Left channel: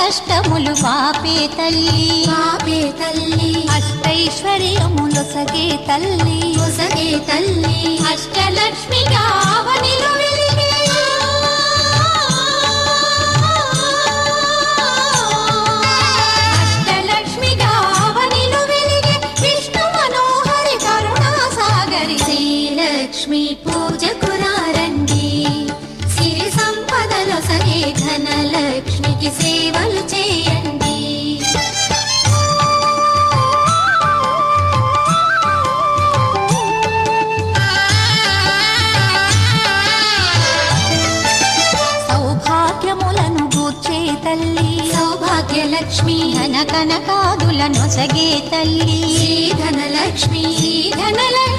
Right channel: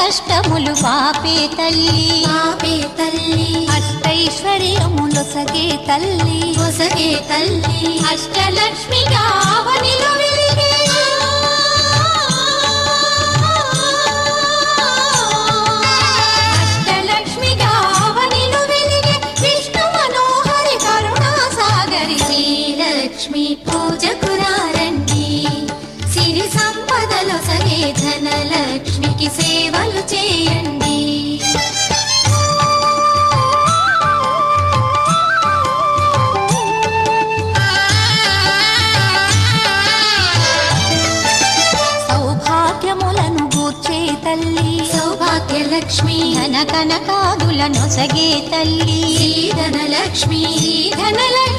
కష్టములు పాపే తల్లి అష్టైశ్వర్యములొసగే తల్లి అష్టలక్ష్మిగా అవనిలో వెలిగే అష్టలక్ష్మిగా అవనిలో వెలిగే విష్ణు మనోహరి కరుణా సాగరి శ్రీలక్ష్మి పూజకురారండి సిరి సంపదలొసగే ధనలక్ష్మికి సేవలు చేయండి. సౌభాగ్యములను గూర్చే తల్లి సౌభాగ్యలక్ష్మి ధన కనకాదులను సగే తల్లి శ్రీ ధనలక్ష్మి ధనలక్ష్మి